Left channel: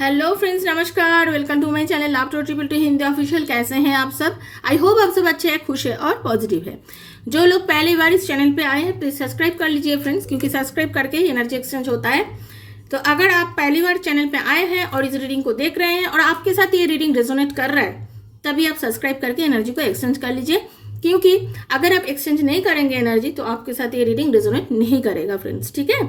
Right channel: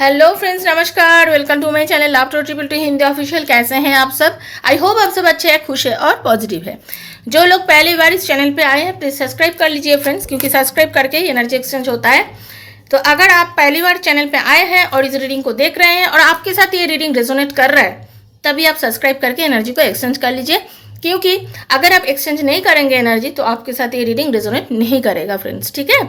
Hello friends, नमस्कार। Welcome to my channel love to triple two Hindi official. कैसे हैं आप सब? आई होप आप सब अच्छे हैं, खुश हैं और पॉजिटिव है। जो लोग पहली बार इस चैनल पे आए हैं प्लीज़ सब्सक्राइब कर लीजिए फ्रेंड्स, क्योंकि सब्सक्राइब करके ही एनर्जी एक्सचेंज होता है। तो अगर आप पहली बार चैनल पे आए हैं और इस रीडिंग को देख रहे हैं और आपके साथ ये रीडिंग रेजोनेट कर रहा है, तभी आप सब्सक्राइब करके एनर्जी को एक्सचेंज कर लीजिए, क्योंकि अगर आप एक्सचेंज नहीं करेंगे एनर्जी तो आपके साथ ये रीडिंग रेजोनेट नहीं करेगा फ्रेंड्स। ठीक है,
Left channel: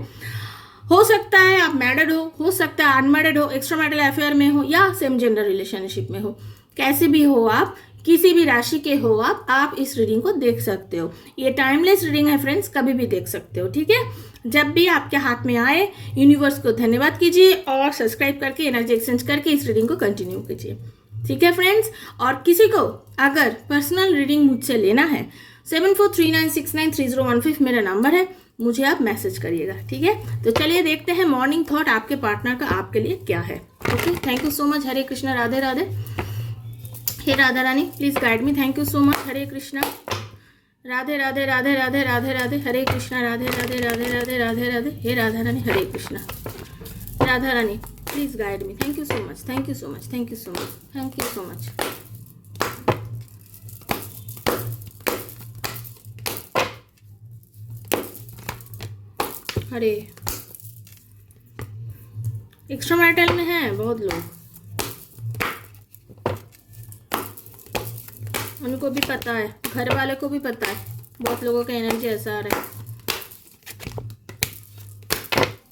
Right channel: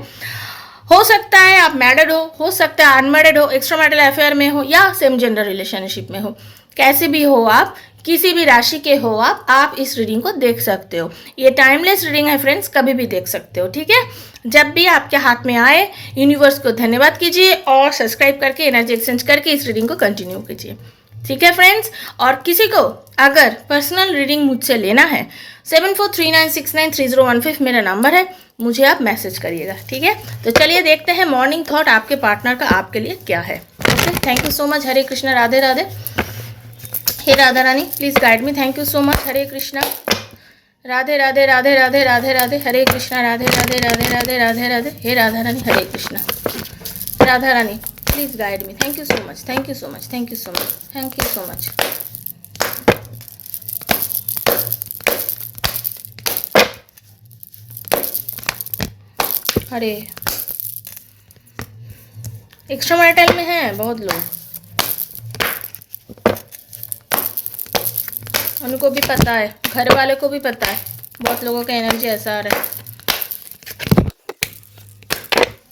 हो सकता है आप मैरिड हो सकता है अनमैरिड हो, एक्स्ट्रा मैरिटल अफेयर में हो या सेम जेंडर रिलेशनशिप में हो। कैसे भी हो, आप किसी भी राशि के हो, आप इस रीडिंग को देख सकते हो। ये टाइमलेस रीडिंग है फ्रेंड्स, कभी भी देख सकते हो। ठीक है, जब भी आपके हाथ में आए यूनिवर्स को धन्यवाद कीजिए और सब्सक्राइब करके एनर्जी एक्सचेंज करके इस रीडिंग को कंटिन्यू कीजिए। ठीक है फ्रेंड्स, और किसी को अगर पर्सनल रीडिंग मुझसे लेना है 7439693015 मेरा नंबर है, मुझे आप मैसेज करिएगा। ठीक है, तो चलिए देखते हैं मॉर्निंग थॉट आपके पार्टनर का आपके लिए क्या है। Okay, thank you so much. Hare Krishna, Radhe Radhe. हे Radha Rani please guide me. Thank you so much. Hare Krishna, Radhe Radhe Radhe Radhe Radhe Radhe. Hare Krishna, Radhe Radhe Radhe Radhe Radhe Radhe. हे Radha Rani, Hare Krishna. Radha Rani please guide me. Thank you so much, thank you so much, thank you so much, thank you so much. अरे extra marital में हैं बहुत लोग, उनको भी पता है, घर वाले को भी पता है। बहुत लोगों का एनर्जी ऐसा आ रहा है।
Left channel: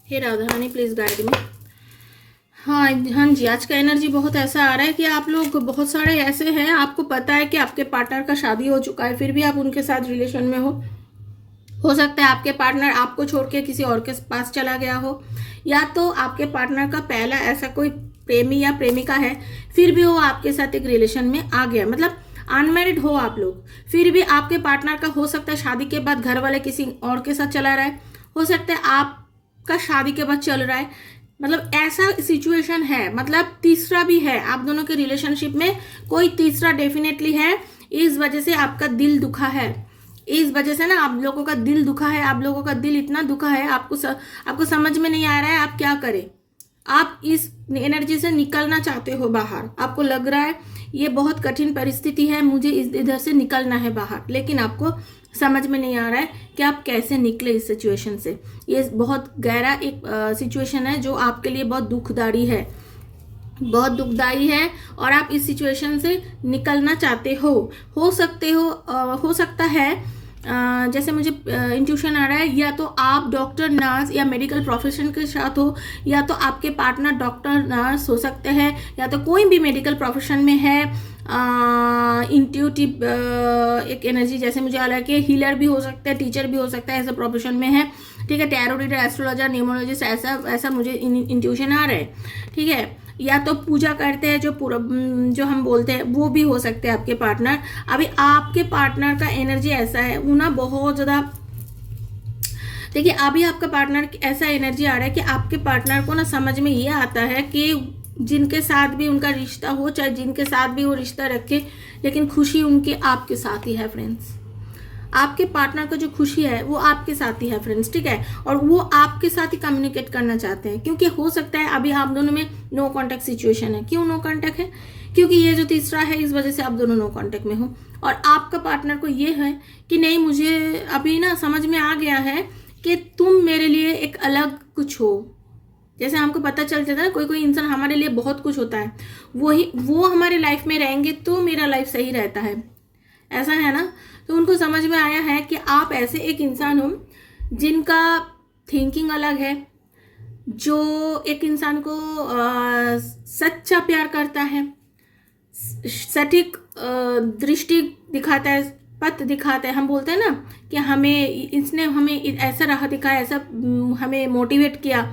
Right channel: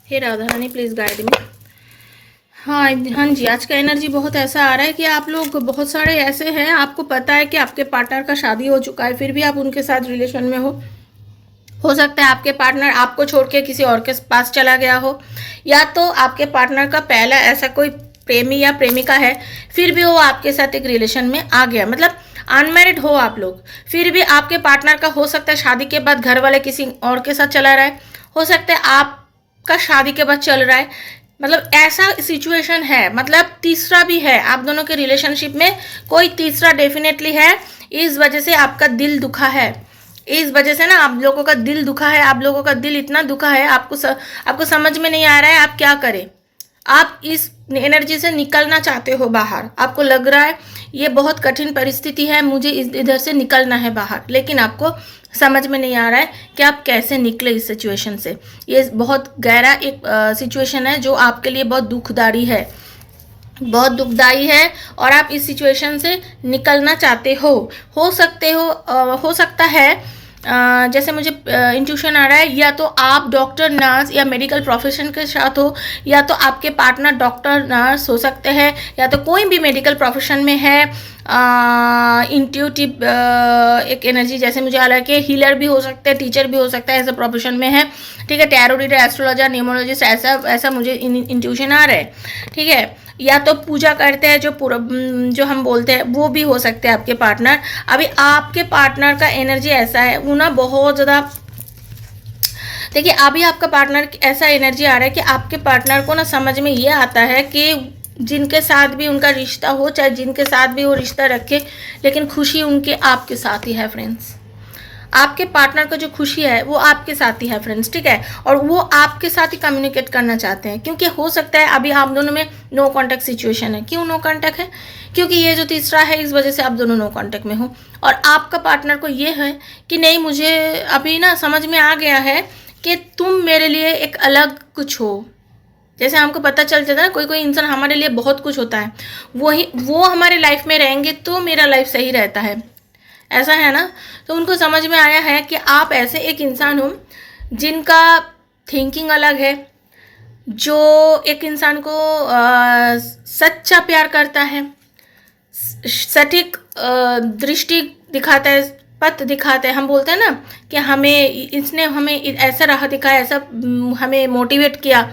हे राधा रानी प्लीज गाइड मी। हाँ हाँ जी, आज का एनर्जी बहुत ऐसा आ रहा है कि आप लोग बहुत सारे ऐसे हैं, आपको पता है कि आपके पार्टनर का शादी हो चुका है, फिर भी आप उनके साथ रिलेशन में हो सकता है आपके पार्टनर आपको छोड़ के किसी और के पास चला गया हो, या तो आपके पार्टनर का पहला ऐसा कोई प्रेमी या प्रेमिका है, फिर भी वो आपके साथ एक रिलेशन में आ गया। मतलब अनमैरिड हो आप लोग, फिर भी आपके पार्टनर का हो सकता है शादी के बाद घर वाले किसी और के साथ चला रहा है, हो सकता है आपका शादी के बाद चल रहा है। मतलब ऐसा सिचुएशन है, मतलब तीसरा भी है आप दोनों के रिलेशनशिप में, कोई तीसरा डेफिनेटली है। इस वजह से आपका दिल दुखा है, इस वजह से ना आप लोगों का दिल दुखा है, आप लोगों का दिल इतना दुखा है, आपको समझ में नहीं आ रहा है आप क्या करें। आप इस एनर्जी से निकलना चाहते हो बाहर, आपको लग रहा है ये बहुत कठिन परिस्थिति है, मुझे इधर से निकलना है बाहर, लेकिन आपको समझ में नहीं आ रहा है कि आप कैसे निकले इस सिचुएशन से। ये बहुत गहरा एक सिचुएशन है जो आपके लिए बहुत दुखदाई है, बहुत दुखदाई है, और आप इस सिचुएशन से निकलना चाहते हो सकता है जैसे मुझे इंट्यूशन आ रहा है, या तो आप डॉक्टर नर्स या मेडिकल प्रोफेशन के साथ हो, या तो आपके पार्टनर डॉक्टर नर्स हो सकते हैं, या तो कोई भी मेडिकल प्रोफेशन में है। इंट्यूटिव एक एनर्जी जैसे मुझे आ रहा है कि हीलर भी हो सकते हैं, टीचर भी हो सकता है, ऐसे प्रोफेशन में है। ठीक है, टैरो रीडर, एस्ट्रोलॉजर, न्यूमरोलॉजिस्ट, ऐसा मुझे इंट्यूशन आ रहा है। ठीक है, या तो पूजा करते हैं जो हम बोलते हैं, वो भी हो सकते हैं आपके पार्टनर। अभी आपके पार्टनर का एनर्जी ऐसा है, वो ना बहुत ज़्यादा, देखिए अभी आपका पार्टनर ऐसा एनर्जी आ रहा है कि आपके पार्टनर को ना समझ में ये आता है कि जिनके साथ भी उनका रिश्ता हो, चाहे जिनके साथ भी वो रिश्ता रखे, लेकिन खुशी उनके आपके साथ ही है फ्रेंड्स। आपके पार्टनर का जो खुशी है वो आपके साथ ही है फ्रेंड्स। ठीक है, और वो आपके साथ ही कम्युनिकेट करना चाहते हैं, क्योंकि हो सकता है अभी आप दोनों में नो कांटेक्ट सिचुएशन है। क्यों नो कांटेक्ट है? क्योंकि ये जो तीसरा है, इस वजह से आप दोनों नो कांटेक्ट में हो, और आपका पार्टनर को ये है कि नहीं, मुझे अभी ना समझ में आ गया है कि तुम मेरे लिए एक अलग कुछ हो। जैसे हमको पता चल जाता है कोई इंसान हमारे लिए बहुत कुछ होता है, वो हमारे लाइफ में रहेंगे तो मेरा लाइफ सही रहता है, ऐसा है ना। तो उनको समझ में आया है कि आप ऐसे एक इंसान हो जिनका थिंकिंग अलग है, जो एक इंसान को सच्चा प्यार करता है, सटीक दृष्टि दिखाता है, पथ दिखाता है। हम बोलते हैं ना कि इसने हमें ऐसा राह दिखाया, ऐसा हमें मोटिवेट किया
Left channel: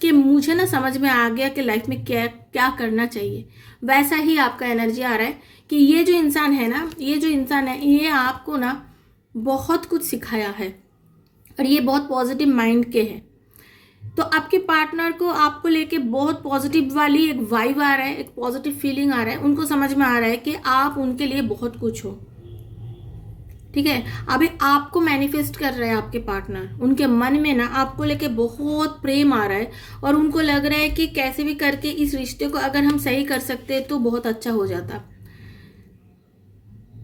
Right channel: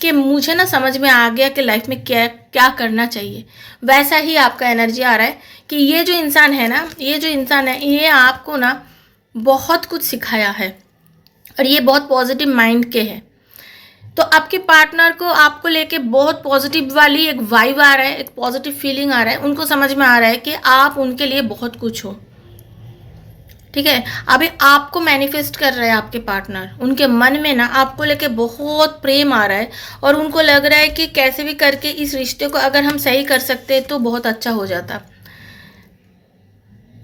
कि मुझे ना समझ में आ गया कि लाइफ में क्या क्या करना चाहिए। वैसा ही आपका एनर्जी आ रहा है कि ये जो इंसान है ना, ये आपको ना बहुत कुछ सिखाया है, और ये बहुत पॉजिटिव माइंड के हैं। तो आपके पार्टनर को आपको लेके बहुत पॉजिटिव वाली एक वाइब आ रहा है, एक पॉजिटिव फीलिंग आ रहा है। उनको समझ में आ रहा है कि आप उनके लिए बहुत कुछ हो। ठीक है। अभी आपको मैनिफेस्ट कर रहे हैं आपके पार्टनर, उनके मन में ना आपको लेके बहुत प्रेम आ रहा है और उनको लग रहा है कि कैसे भी करके इस रिश्ते को अगर हम सही कर सकते तो बहुत अच्छा हो जाता,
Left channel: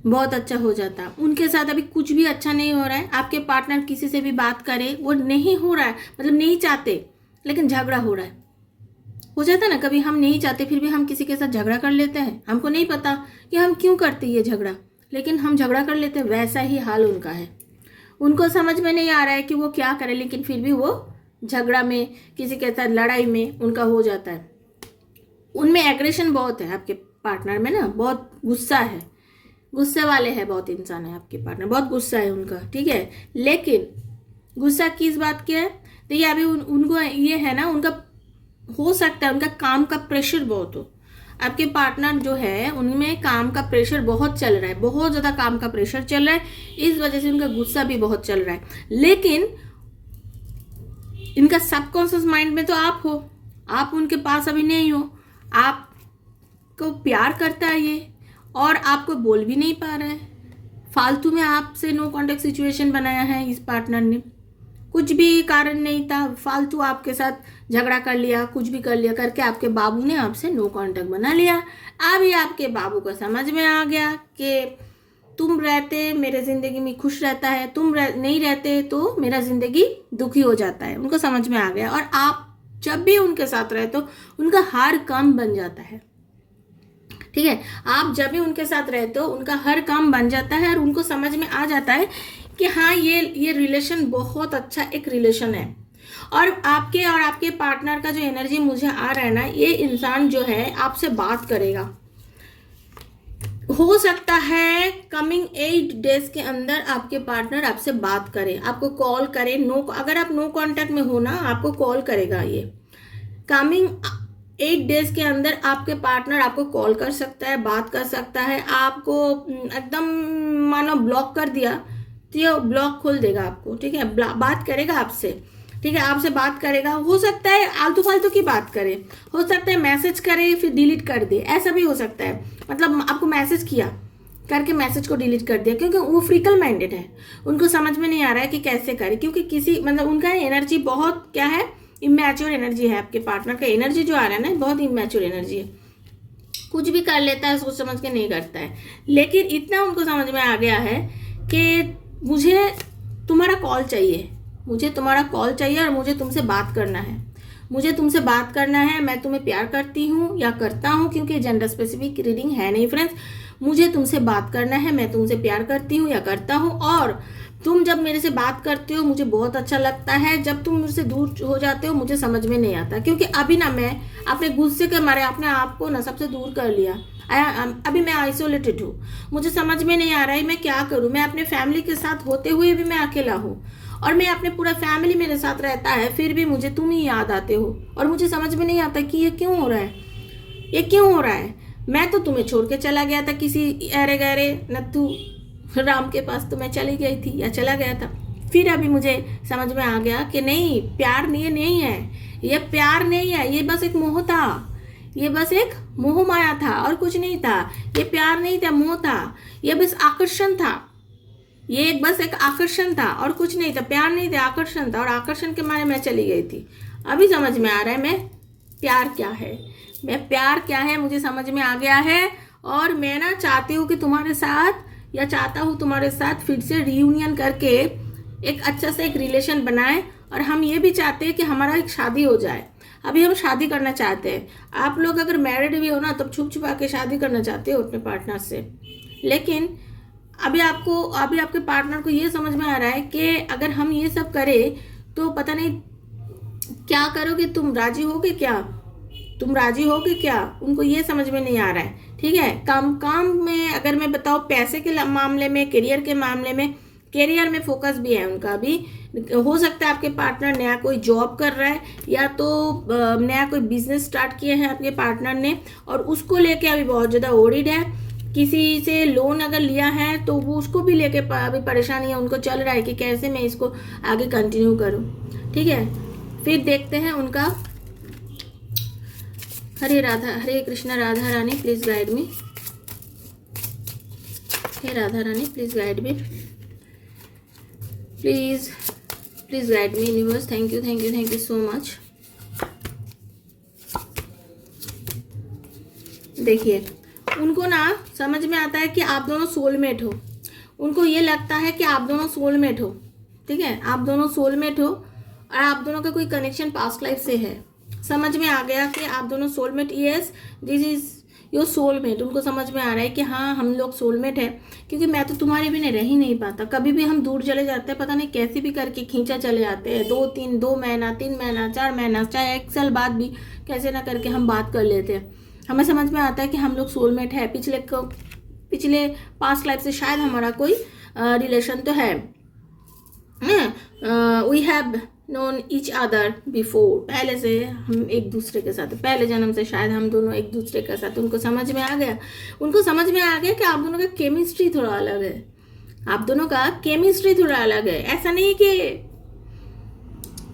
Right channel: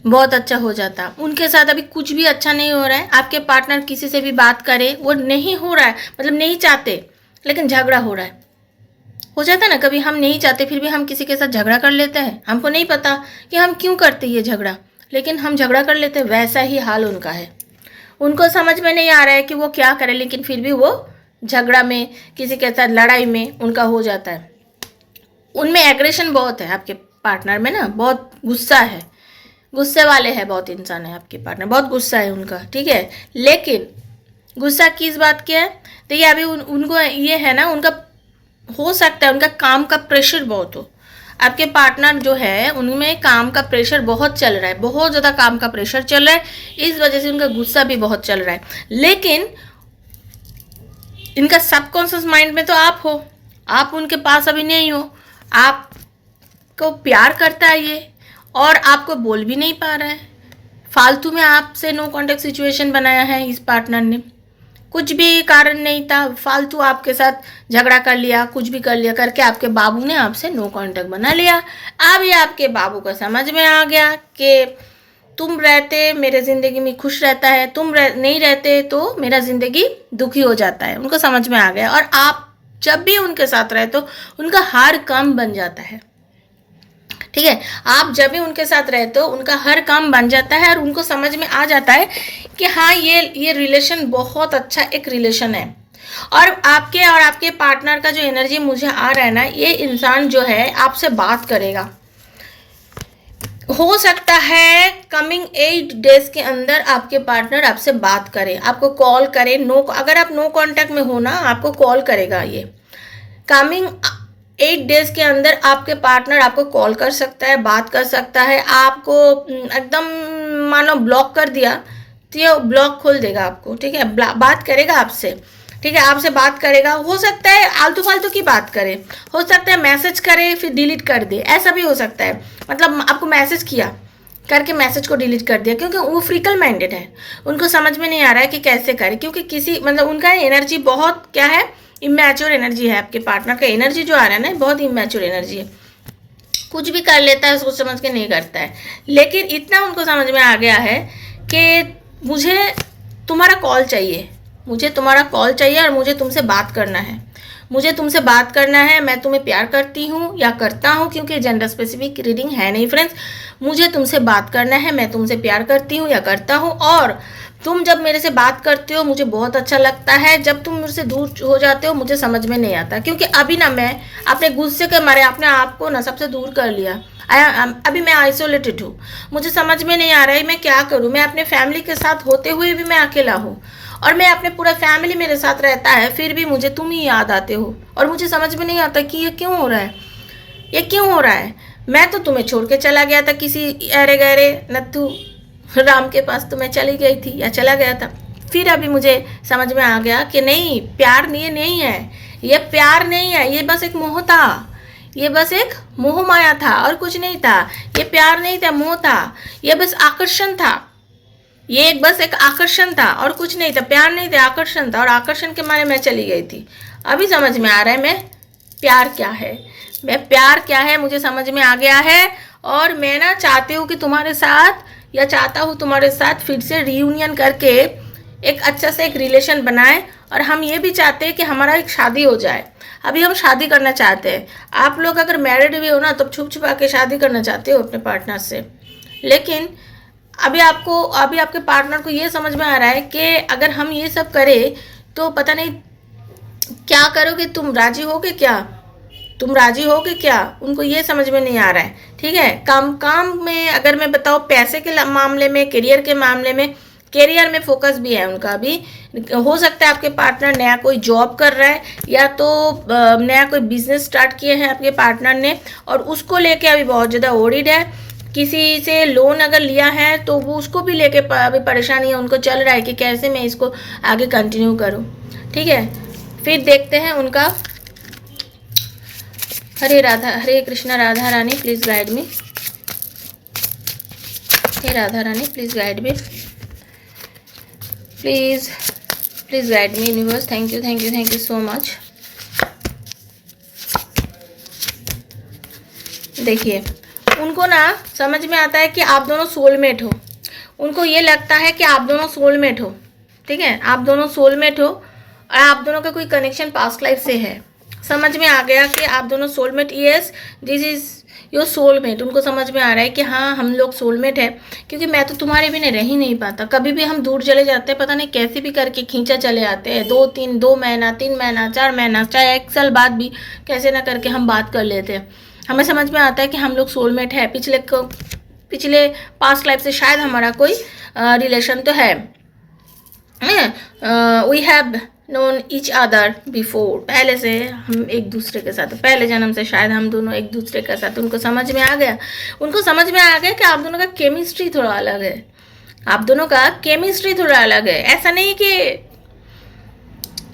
बहुत अच्छा हो जाता। उनके साथ अभी कुछ भी अच्छा नहीं हो रहा है। आपके पार्टनर किसी से भी बात करे, वो नहीं हो रहा है, मतलब नहीं चाहते, लेकिन झगड़ा हो रहा है। हो जाता है ना, कभी हम नहीं चाहते फिर भी हम किसी के साथ झगड़ा कर लेते हैं, हमको नहीं पता कि हम क्यों करते ये झगड़ा, लेकिन हम झगड़ा कर लेते हैं। वैसा ही हाल उनका है। उनको समझ में नहीं आ रहा है कि वो क्या करे, लेकिन फिर भी वो झगड़ा में, किसी के साथ लड़ाई में उनका हो जाता है। उनमें एग्रेशन बहुत है आपके पार्टनर में ना, बहुत गुस्सा है, गुस्से वाले हैं, बहुत इंसान है आपके पार्टनर, बहुत गुस्सा है उनका, ठीक है। लेकिन गुस्सा किस बात की है? देखिए अभी उनको ये है ना, उनका हो सकता है उनका काम का प्रेशर बहुत हो। आपके पार्टनर जो है उनमें काम का प्रेशर बहुत चल रहा है, बहुत ज़्यादा काम का प्रेशर चल रहा है, इस वजह से उनका गुस्सा भी बहुत चल रहा है। लेकिन इनका सबकॉन्शियस माइंड में तो आप हो, आप उनके पास अभी नहीं हो, आपको प्यार करता है ये और आपको बोल भी नहीं पा रहा है। फालतू में आपसे नो कॉन्टेक्ट सिचुएशन बनाया है इस पार्टनर ने, कुछ भी कारण नहीं था, फालतू आपके साथ झगड़ा कर लिया, कुछ भी कर लिया करके आपके बाबू ने आपसे नो कांटेक्ट बना लिया। अब ये आपके बाबू को समझ में आ गया कि तुम रहते मेरे ज़िंदगी में खुश रहता है, तुम नहीं रहते तो मेरा ज़िंदगी दुखी हो जाता है, उनको समझ में आ गया। और आप जब भी उनके साथ रहे तो उनका हर काम बन जाता है, ठीक है। आप जब भी उनके साथ रहते हो उनका हर काम बन जाता है और उनको समझ में आ जाता है कि हाँ ये रिलेशन बहुत अच्छा एक रिलेशन है। और आपके पार्टनर का जो एनर्जी मुझे आ रहा है ना, ये इंसान जो है आपसे बात करेगा। हो सकता है कमिंग 8 डेज के अंदर आपके पार्टनर आपसे बात करे, आपको कॉल करे। अगर आप नो कांटेक्ट में हो ना, आपको कॉल करेगा। ये कमिंग 8 डेज के अंदर आपके पार्टनर आपको कॉल कर सकता है, बात कर सकता है। आपको एकदम मानो ब्लॉक कर दिया तो ये ब्लॉक खोल देगा आपको, ठीक है। बात करेगा आपसे, ठीक है, आपसे बात करेगा। हो सकता है आलतू फालतू की बात करे, हो सकता है मैसेज करे फिर डिलीट कर दे, ऐसा भी हो सकता है। मतलब आपको मैसेज किया करके मैसेज को डिलीट कर दिया, क्योंकि वो फ्रिकल माइंडेड है, उनको समझ में नहीं आ रहा है कि कैसे करे। क्योंकि मतलब उनका एनर्जी बहुत क्या है, इमैच्योर एनर्जी है। आपके पार्टनर का एनर्जी जो आ रहा है ना, बहुत इमैच्योर एनर्जी है, कुछ भी कर लेता है, सोच समझ के नहीं करता है। लेकिन इतना उनको समझ में आ गया है कि मुझे तुम्हारा कॉल चाहिए, मुझे तुम्हारा कॉल चाहिए और मुझे तुमसे बात करना है, मुझे तुमसे बात करना है। मैं तुम्हें प्यार करती हूँ या करता हूँ, क्योंकि जेंडर स्पेसिफिक रीडिंग है नहीं फ्रेंड्स। मुझे तुमसे बात करना है, मैं तुमसे प्यार करती हूँ या करता हूँ। और तुम जब मेरे से बात करते हो मुझे बहुत अच्छा लगता है, जब तुम मुझसे दूर हो जाते हो मुझे समझ में नहीं आता। क्योंकि अभी ना मैं अपने गुस्से के मारे अपने आप को ना सबसे दूर कर लिया। अभी मैं आइसोलेटेड हूँ, मुझे समझ में नहीं आ रहा है मैं क्या करूँ। मैं अपने फैमिली के साथ होते हुए भी मैं अकेला हूँ, और मैं अपने पूरा फैमिली मेरे साथ रहता है, फिर भी मुझे तुम ही याद आते हो। और मुझे समझ में नहीं आता कि ये क्यों हो रहा है, ये क्यों हो रहा है। मैं तो तुम्हें छोड़ के चला गया था किसी अरे गहरे नत्थु राम के पास, तो मैं चली गई थी या चला गया था। फिर अभी मुझे समझ में आ गया कि नहीं, प्यार नहीं है, ये प्यार नहीं है, ये बस एक मोह था, ये बस एक मोह माया था और कुछ नहीं था। ये प्यार नहीं था, मोह था, ये बस आकर्षण था, ये बस एक आकर्षण था और कुछ नहीं था। प्यार नहीं था, आकर्षण था, और आकर्षण के मारे मैं चली गई थी। अभी समझ में आ रहा है मैं प्यार क्या है, मैं प्यार क्या है मुझे समझ में आ गया है। और मैं ना चाहती हूँ कि तुम्हारे साथ, या चाहता हूँ तुम्हारे साथ फिर से रीयूनियन करके एक अच्छा से एक रिलेशन बनाए। और हम ये भी चाहते हैं कि हमारा एक शादी हो जाए। अभी हम शादी करना चाहते हैं। आप लोग अगर मैरिड भी हो ना, तो छुप छुपा के शादी करना चाहते हो अपने पार्टनर से। लेकिन अभी आपके पार्टनर को ये समझ में आ रहा है कि अगर हम ये सब करें तो पता नहीं क्या करोगे, तुम राजी होगे क्या, तुम राजी होगे क्या, उनको ये समझ में नहीं आ रहा है, ठीक है। काम में अगर मैं बताऊँ, पैसे के मामले में, करियर के मामले में, करियर में फोकस भी है उनका। अभी हो सकता है आपके पार्टनर नया कोई जॉब कर रहा है, या तो नया कोई बिजनेस स्टार्ट किए हैं आपके पार्टनर ने, और उसको लेके अभी बहुत ज़्यादा ओरिड है। किसी से लोन अगर लिया है तो वो उसको भी लेके अभी परेशानी है, उनको चल रहा है कि कैसे मैं इसको आगे कंटिन्यू करूं, ठीक है। फिर देखते हैं उनका। Hare Krishna Radha Rani please guide me, हे Radha Rani please guide me. Please guide me universe. Thank you so much. देखिए, उनको ना समझ में आता है कि आप दोनों सोलमेट हो। उनको ये लगता है कि आप दोनों सोलमेट हो, ठीक है, आप दोनों सोलमेट हो और आप दोनों का कोई कनेक्शन पास्ट लाइफ से है। समझ में आ गया कि आप दोनों soulmate, yes this is your soulmate. उनको समझ में आ रहा है कि हाँ हम लोग सोलमेट है, क्योंकि मैं तो तुम्हारे बिना रह ही नहीं पाता। कभी भी हम दूर चले जाते हैं, पता नहीं कैसे भी करके खींचा चले आते हैं, 2 महीना 3 महीना 4 महीना, चाहे 1 साल बाद भी कैसे ना करके हम बात कर लेते हैं। हमें समझ में आता है कि हम लोग सोलमेट है। पिछले पास्ट लाइफ से शायद हमारा कोई रिलेशन तो है। We have known each other before, पहले से हम एक दूसरे के साथ, पहले जन्म से शायद हम दोनों एक दूसरे के साथ। उनको समझ में आ गया, कि आप दोनों का केमिस्ट्री थोड़ा अलग है। आप दोनों का केमिस्ट्री थोड़ा अलग है। ऐसा नहीं कि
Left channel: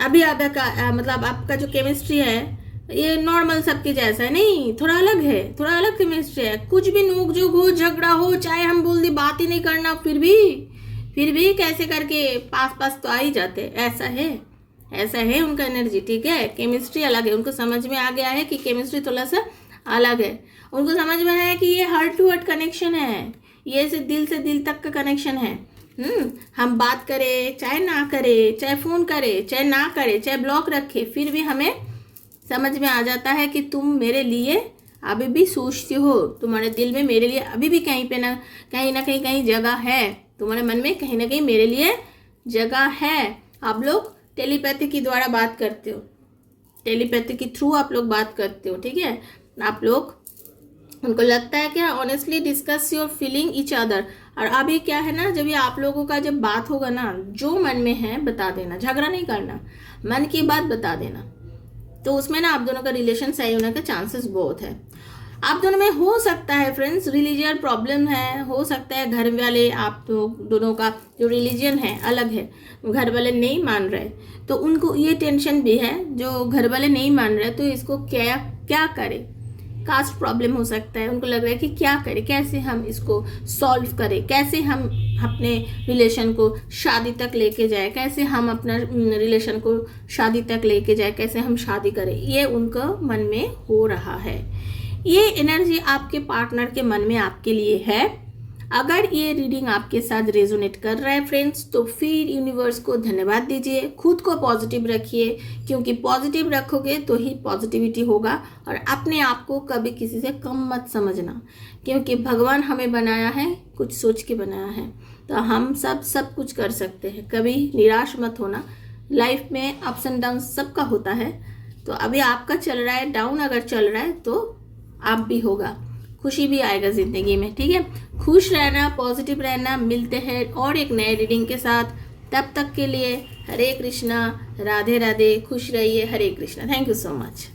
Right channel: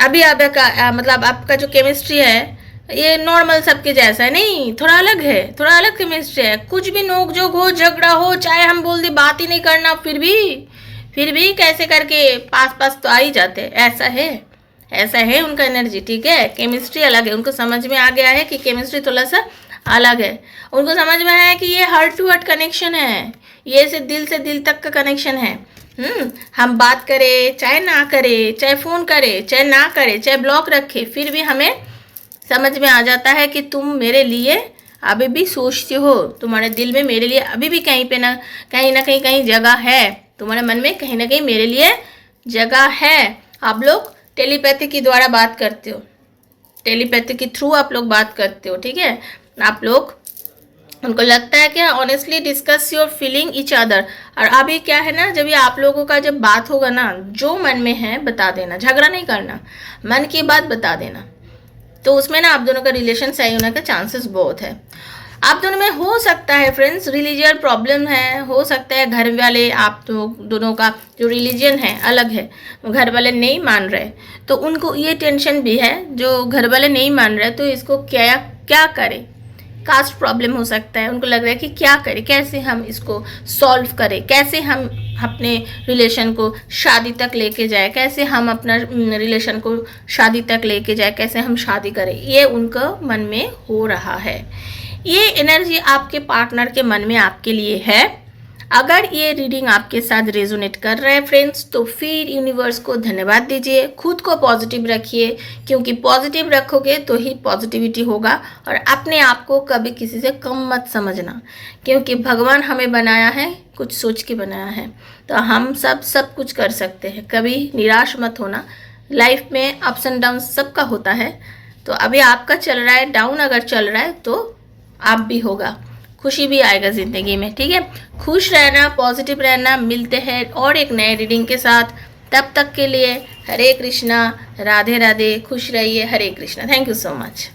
अभी आपका मतलब आपका जो केमिस्ट्री है ये नॉर्मल सबके जैसा है, नहीं, थोड़ा अलग है, थोड़ा अलग केमिस्ट्री है। कुछ भी नोकझोंक हो, झगड़ा हो, चाहे हम बोल दे बात ही नहीं करना, फिर भी कैसे करके पास तो आ ही जाते। ऐसा है उनका एनर्जी, ठीक है। केमिस्ट्री अलग है। उनको समझ में आ गया है कि केमिस्ट्री थोड़ा सा अलग है। उनको समझ में आया है कि ये हार्ट टू हार्ट कनेक्शन है, ये से दिल तक का कनेक्शन है। हम बात करें चाहे ना करें, चाहे फ़ोन करें चाहे ना करें, चाहे ब्लॉक रखे, फिर भी हमें समझ में आ जाता है कि तुम मेरे लिए अभी भी सोचती हो, तुम्हारे दिल में मेरे लिए अभी भी कहीं ना कहीं जगह है, तुम्हारे मन में कहीं ना कहीं मेरे लिए जगह है। आप लोग टेलीपैथी के द्वारा बात करते हो, टेलीपैथी के थ्रू आप लोग बात करते हो, ठीक है। आप लोग, उनको लगता है कि honestly discuss your feeling each other. और अभी क्या है ना, जब ये आप लोगों का जब बात होगा ना, जो मन में है बता देना, झगड़ा नहीं करना, मन की बात बता देना, तो उसमें ना आप दोनों का रिलेशन सही होने का चांसेस बहुत है। आप दोनों में हो सकता है फ्रेंड्स रिलीजियन प्रॉब्लम है, हो सकता है घर वाले, आप दोनों का जो रिलीजन है अलग है, घर वाले नहीं मान रहे, तो उनको ये टेंशन भी है, जो घर वाले नहीं मान रहे तो इसको क्या करें। कास्ट प्रॉब्लम हो सकता है, उनको लग रहा है कि क्या करें, कैसे हम इसको सॉल्व करें, कैसे हम अपने रिलेशन को शादी तक लेके जाए, कैसे हम अपना रिलेशन को शादी तक लेके जाए, कैसे हम शादी करें, ये उनको मन में हो रहा है। ये एनर्जी आपके पार्टनर के मन में आपके लिए है। अगर ये रीडिंग आपके साथ रेजोनेट कर रहा है फ्रेंड्स, तो फिर यूनिवर्स को धन्यवाद दीजिए, खुद को पॉजिटिव रखिए, क्योंकि पॉजिटिव रखोगे तो ही पॉजिटिविटी होगा। और अपने आप को कभी किसी से कम मत समझना, क्योंकि भगवान हमें बनाया है, कुछ सोच के बनाया है, तो हम सब कुछ कर सकते हैं। कभी निराश मत होना, लाइफ में अप्स एंड डाउन सबका होता है। तो अभी आपका चल रहा है डाउन, अगर चल रहा है तो आप भी होगा, खुशी भी आएगा ज़िंदगी में, ठीक है। खुश रहना, पॉजिटिव रहना। मिलते हैं और एक नए रीडिंग के साथ, तब तक के लिए हरे कृष्णा, राधे राधे, खुश रहिए, Hare Krishna. Thank you so much.